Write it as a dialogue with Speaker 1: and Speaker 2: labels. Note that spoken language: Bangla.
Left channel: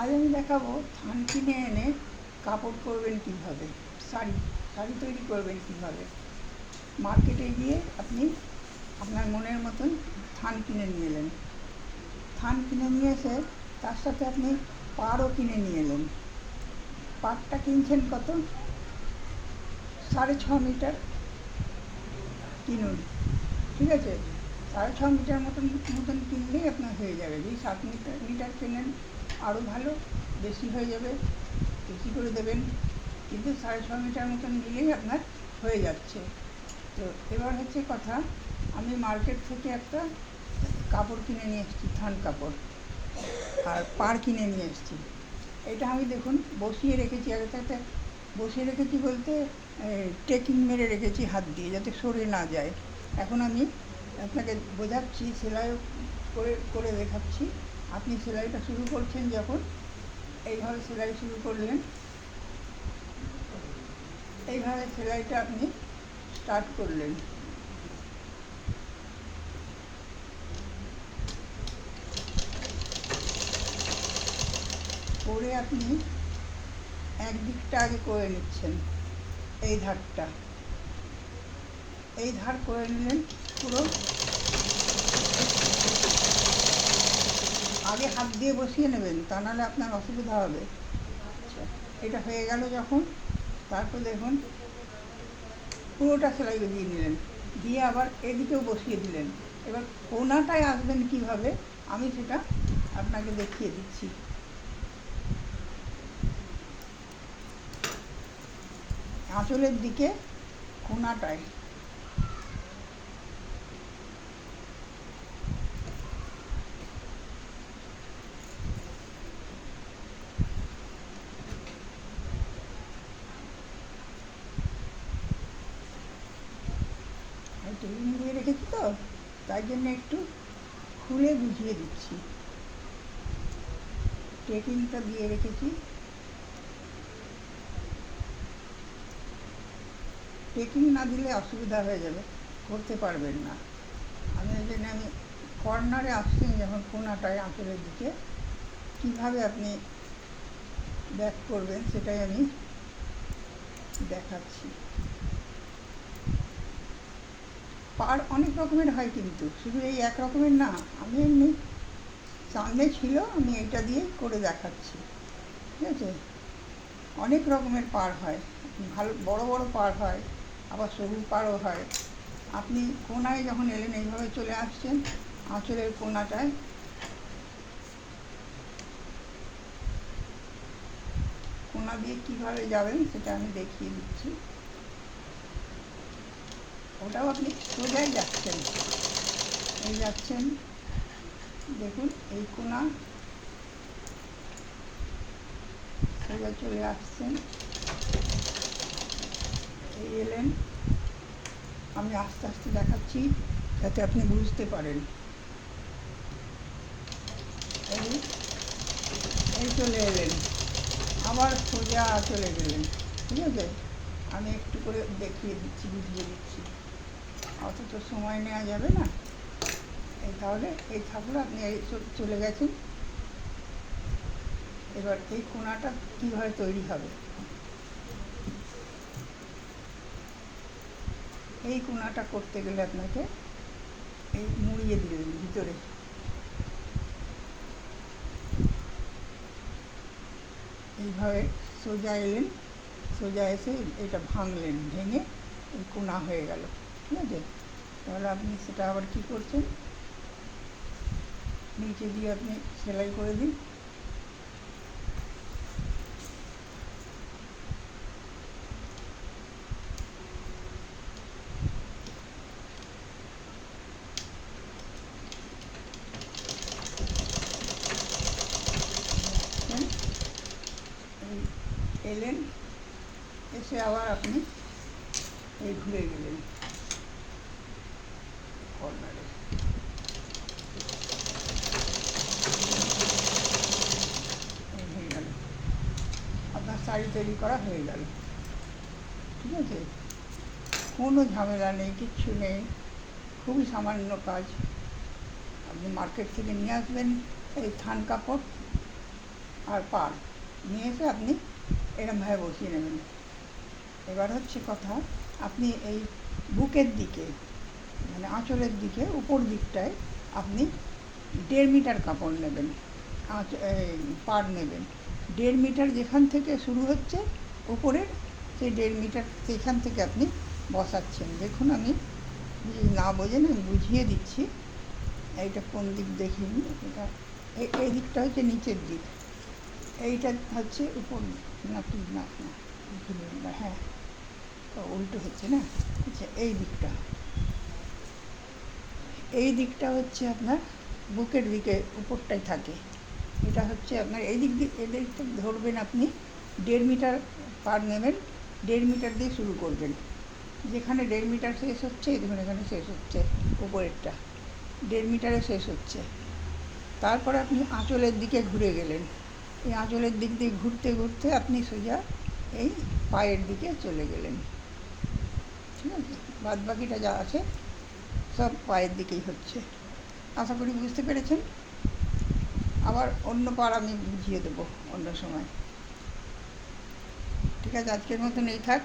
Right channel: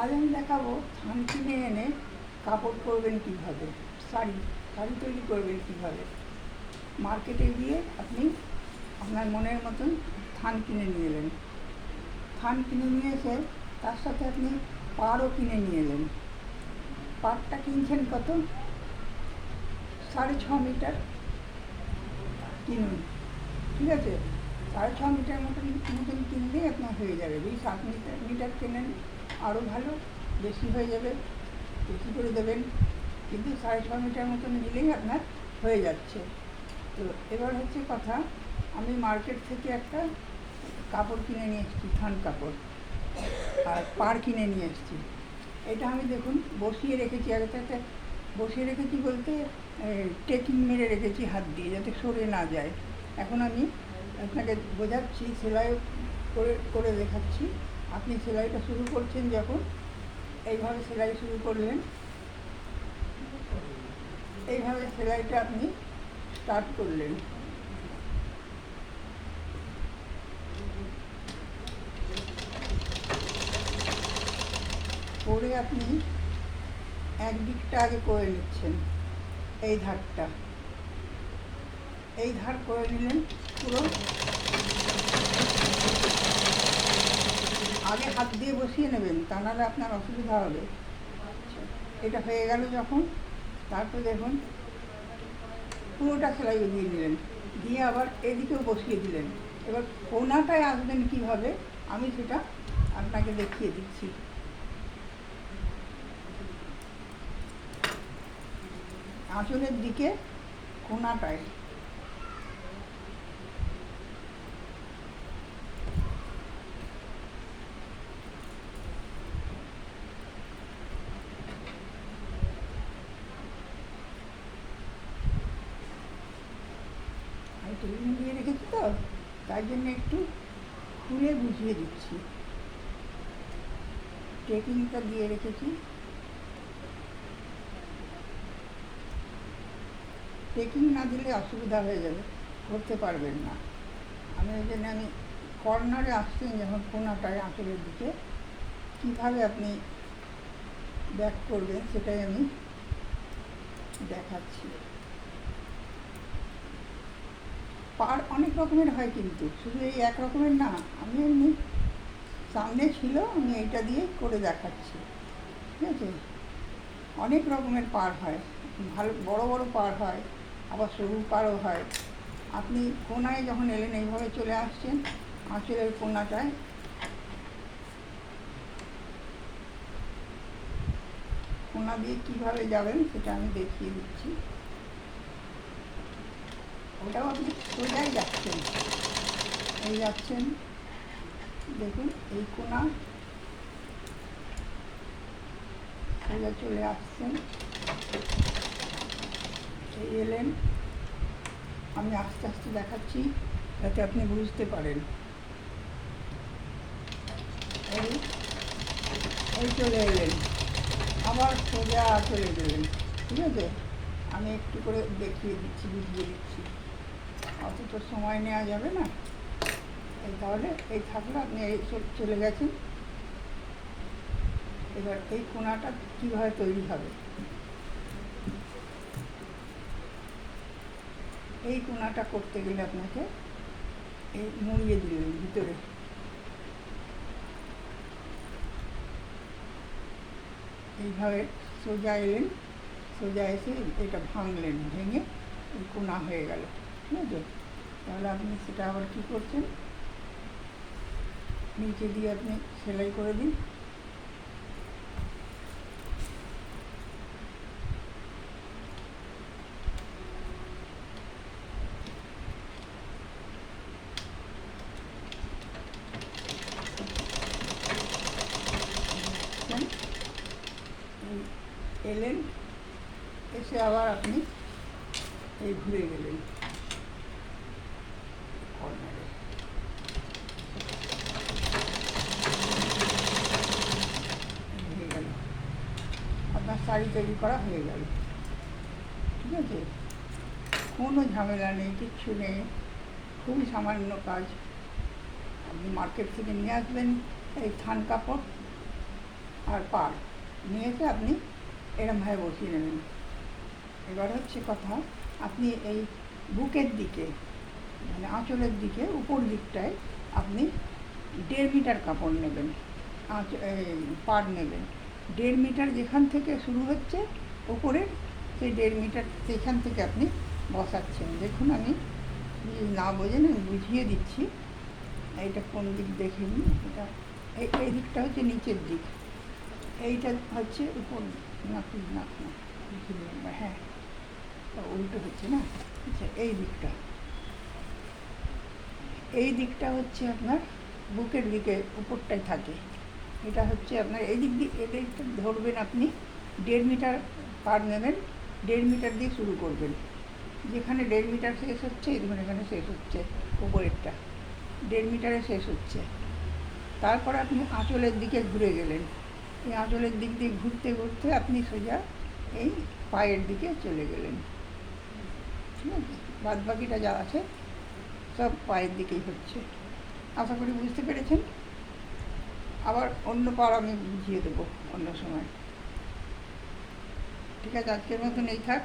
Speaker 1: আজ আমি দেখাবো থান কিনে এনে কাপড় করবেন কীভাবে, শাড়ি শাড়ি তৈরি করবেন কীভাবে। মার্কেটে গিয়ে আপনি আপনার মনের মতন থান কিনে নিয়ে এলেন। থান কিনে নিয়ে এসে তার সাথে আপনি পাড়ও কিনে নিয়ে এলেন। পাড়টা কিনছেন কত? সাড়ে ছ মিটার কিনুন। ঠিক আছে? সাড়ে ছ মিটার মতন মতন কিনলেই আপনার হয়ে যাবে। যদি সাত মিটার মিটার কেনেন আরও ভালো, বেশি হয়ে যাবে, বেশি করে দেবেন। কিন্তু সাড়ে ছ মিটার মতন নিলেই আপনার হয়ে যাচ্ছে। তো এবার হচ্ছে কথা, আমি মার্কেট থেকে একটা কাপড় কিনে নিয়ে এসেছি, থান কাপড়। আর পাড় কিনে নিয়ে এসেছি। এটা আমি দেখুন, বসিয়ে রেখেছি, আগে তাতে বসিয়ে রেখেছি বলতে টেকিং মেরে রেখেছি হাত দিয়ে, যাতে সরে না যায়। এখন আমি আপনাকে বোঝাচ্ছি সেলাই করে করে দেখাচ্ছি। আপনি সেলাইটা শুরু করছেন যখন, এইভাবে সেলাই শুরু করলেন। এইভাবে সেলাইটা আপনি স্টার্ট করলেন। করে আপনি এক দিকটা আগে করে নিচ্ছেন, এই ধারটা। এই ধার করে নিলেন পুরো। আগে হাত দিয়ে বসিয়ে নেবেন, তা নাহলে আপনার অসুবিধা হবে। এটা হয়ে গেল যখন, তারপর দেখুন, পুরোটা সেলাই দিয়ে নিলেন। দিয়ে আবার এদিকেও বসিয়ে দিলেন। এবার কোনাটায় আসবেন কীভাবে, আমি সেটা আপনাকে দেখিয়ে দিচ্ছি। আঁচলের দিকে কোনাটায় আমি টেবিল দিয়ে রেখেছি তো তাই জন্য একটু খুলে বুঝিয়ে দিচ্ছি। টেকিংটা দিয়ে রেখেছি। টেকিং না দিলে অসুবিধা হয়ে যাবে করতে পারবেন না। আমি ওই জন্য আমি কর্নারে আসছি যখন কোনাটায় আঁচলের দিকে। কীভাবে আপনি ব্যাক করবেন সেটাই আমি দেখাচ্ছি। পার অনেক রকমের হয় কিন্তু, শুধু এই এক রকমের না, আমি এমনি সামনে ছিল, আমি এটা দিয়ে করে দেখাচ্ছি, ঠিক আছে? অনেক রকমের পার হয়, ভালো, বড় বড় পার হয়, আবার সরু পারও হয়। আপনি কোনায় যখন এলেন, এইভাবে চলে আসছেন, আঁচলের কোনাটায়। কোনা দিয়ে কীভাবে যাবেন, সেটা আমি দেখিয়ে দিচ্ছি। ওটাও আপনি সোজাই যাচ্ছেন? এই যাচ্ছেন, দেখুন, এই কোনা। সোজা চলে আসছেন। এই এলেন। আমি আস্তে আস্তে দেখাচ্ছি যাতে আপনি বুঝতে পারেন। এই এই চলে এলেন। আবার সোজা চলে গেলেন। ঠিক আছে? আমি একটু করে দেখিয়ে দিচ্ছি, বুঝিয়ে দিচ্ছি। অত তো সময় নেওয়া যাবে না। তাহলে এই থাকলে আপনি এই চলে গেছেন এবার এই কোনাটা কীভাবে তৈরি হবে? এই কোনাটা করতে গেলে আপনাকে এই মুড়িয়ে দিলেন ভিতরে। এইভাবে সোজা এলেন, সোজা এসে এটা ভাঙলেন, ভেঙে কোনা হয়ে গেল। ঠিক আছে তাহলে আপনি সেটা আবার কী করছেন? নিচে দিয়ে আপনি সেলাই করে দিন। এলেন, এসে আবার আপনি এই ঘুরে গেলেন কর্নারে এই হয়ে গেল আপনার শাড়ি তৈরি করা হয়ে গেল। ঠিক আছে? কোনো ঝামেলা নেই, কিচ্ছু নেই। খুবই সামান্য কাজ। আপনি মার্কেট থেকে নিয়ে আসবেন এই থান কাপড় আর পার নিয়ে এসে আপনি এরমভাবে বসিয়ে নেবেন। এবার হচ্ছে কথা, আপনি এই বুকের দিকে মানে আঁচলের দিকে, উপর দিকটায় আপনি দেড় মিটার কাপড় নেবেন, আঁচ পাড় নেবেন। দেড় মিটার যেখান থেকে শুরু হচ্ছে উপরের সেই দেড় মিটার সেখান থেকে আপনি বসাচ্ছেন। দেখুন আমি না বোঝেন আমি বুঝিয়ে দিচ্ছি। এইটা কোন দিক দেখে নিন এটা এই- দিকটা হচ্ছে নিচের দিক। এইটা হচ্ছে উপর না কি, না হ্যাঁ উল্টো হচ্ছে না? আচ্ছা এই দিকটা। এই দিকটা হচ্ছে আপনার বুকের দিকে, উপরটায় থাকে। এটা হচ্ছে আপনার এই দিক দিয়ে এদের ধরবেন আপনি, দেড় মিটার পার নেবেন, দেড় মিটার দিয়ে শুরু করবেন। যেখানে দেড় মিটার শেষ হচ্ছে দেখুন এখানে শেষ হচ্ছে, উপরেরটা। দেড় মিটারে শেষ হচ্ছে। তারপরে আপনি আঁচলের দিকে ঘুরে গেলেন। এই আঁচলের দিক দিয়ে ঘুরতে ঘুরতে আপনি সোজা এই পায়ের দিকে চলে গেলেন। ঠিক আছে? বাদ বাকিটা যা আছে সব পায়ের দিকেই হচ্ছে। আশা করি বুঝতে পেরেছেন? আবার অন্য পার আমি বুঝিয়ে দেবো অন্য সময়। ঠিক আছে, আজকের মতন এই থাক।